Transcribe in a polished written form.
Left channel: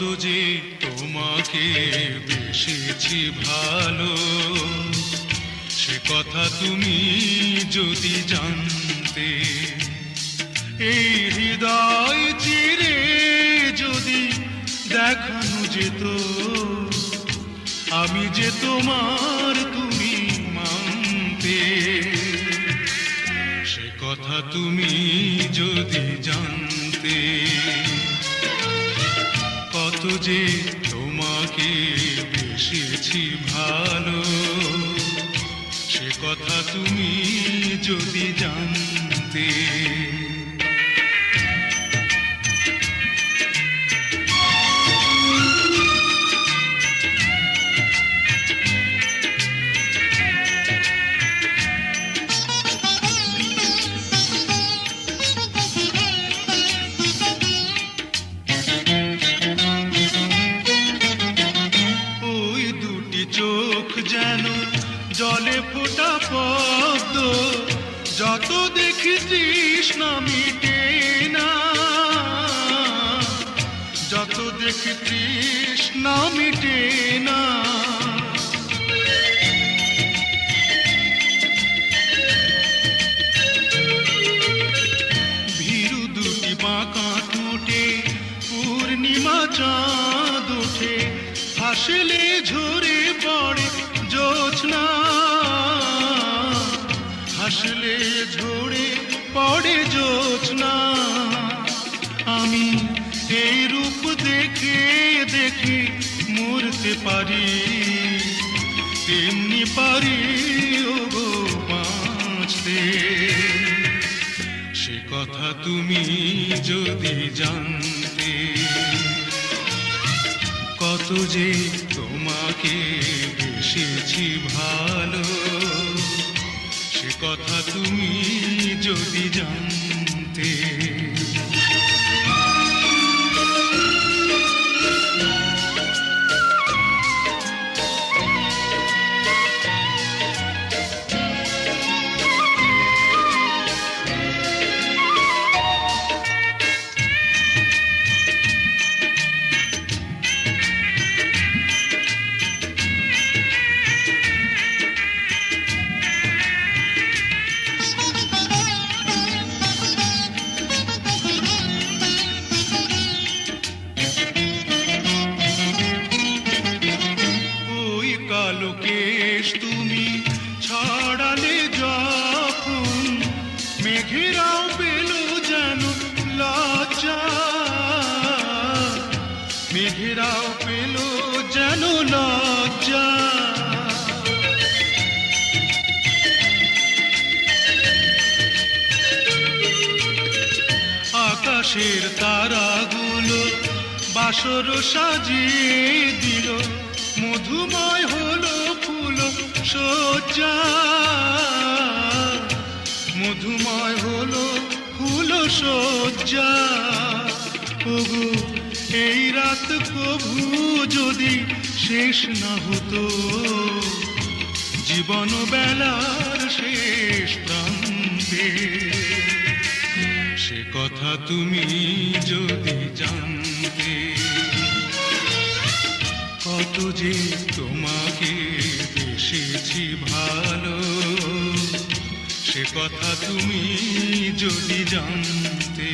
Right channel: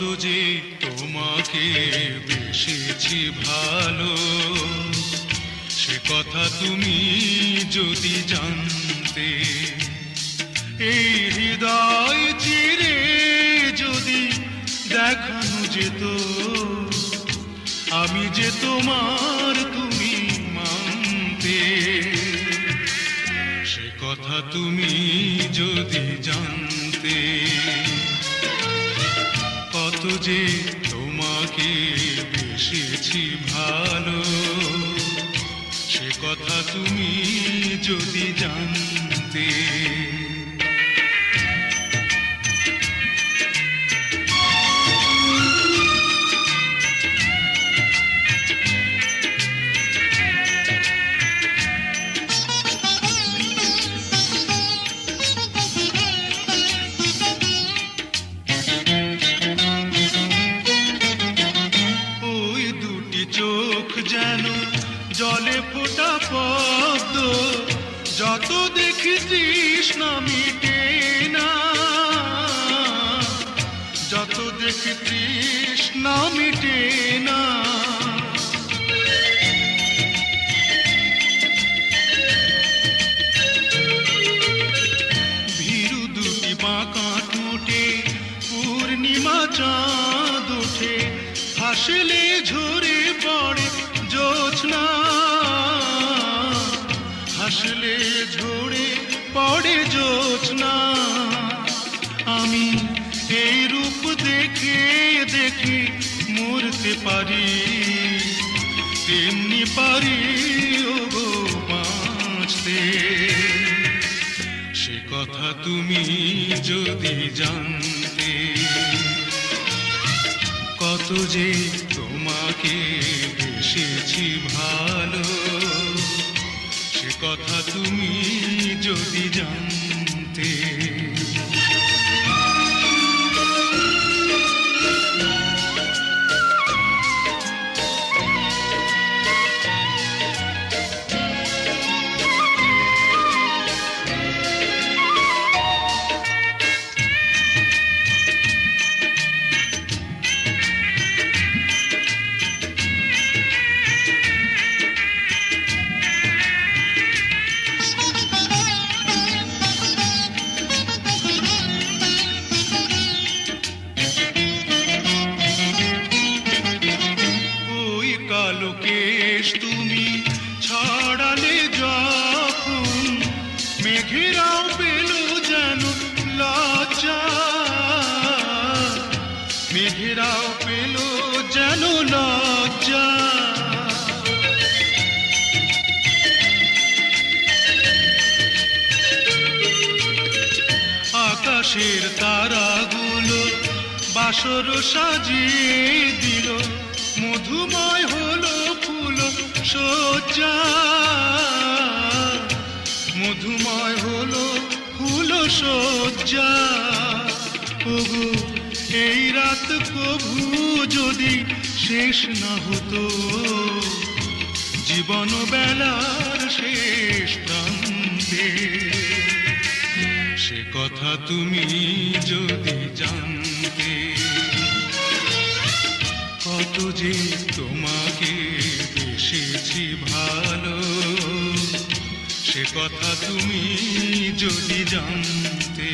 কত যে তোমাকে বেসেছি ভালো, সে কথা তুমি যদি জানতে। এই হৃদয় চিরে যদি দেখানো যেত আমি যে তোমার, তুমি মানতে। সে কথা তুমি যদি জানতে, কত যে তোমাকে বেসেছি ভালো, সে কথা তুমি যদি জানতে। চোখ যেন জলে ফোটা পদ্ম, যত দেখি তৃষ্ণা মিটে না, যত দেখি তৃষ্ণা মিটে না। ভীরু দুটি বাঁকা ঠোঁটে পূর্ণিমা চাঁদ ওঠে, হাসলে ঝরে পড়ে জ্যোৎস্না, হাসলে ঝরে পড়ে জ্যোৎস্না। আমি এই রূপ দেখে দেখে মরতে পারি, তেমনি পারি ওগো বাঁচতে। সে কথা তুমি যদি জানতে, কত যে তোমাকে বেসেছি ভালো, সে কথা তুমি যদি জানতে। কালো কেশ তুমি ছড়ালে যখন, মেঘেরাও পেল যেন লজ্জা, মেঘেরাও পেল যেন লজ্জা। আকাশের তারাগুলো বাসর সাজিয়ে দিল, মধুময় হলো ফুল সজ্জা, মধুময় হলো ফুল সজ্জা। ওগো এই রাত প্রভু যদি শেষ না হতো, জীবন বেলার শেষ প্রান্তে। সে কথা তুমি যদি জানতে, কত যে তোমাকে বেসেছি ভালো, সে কথা তুমি যদি জানতে।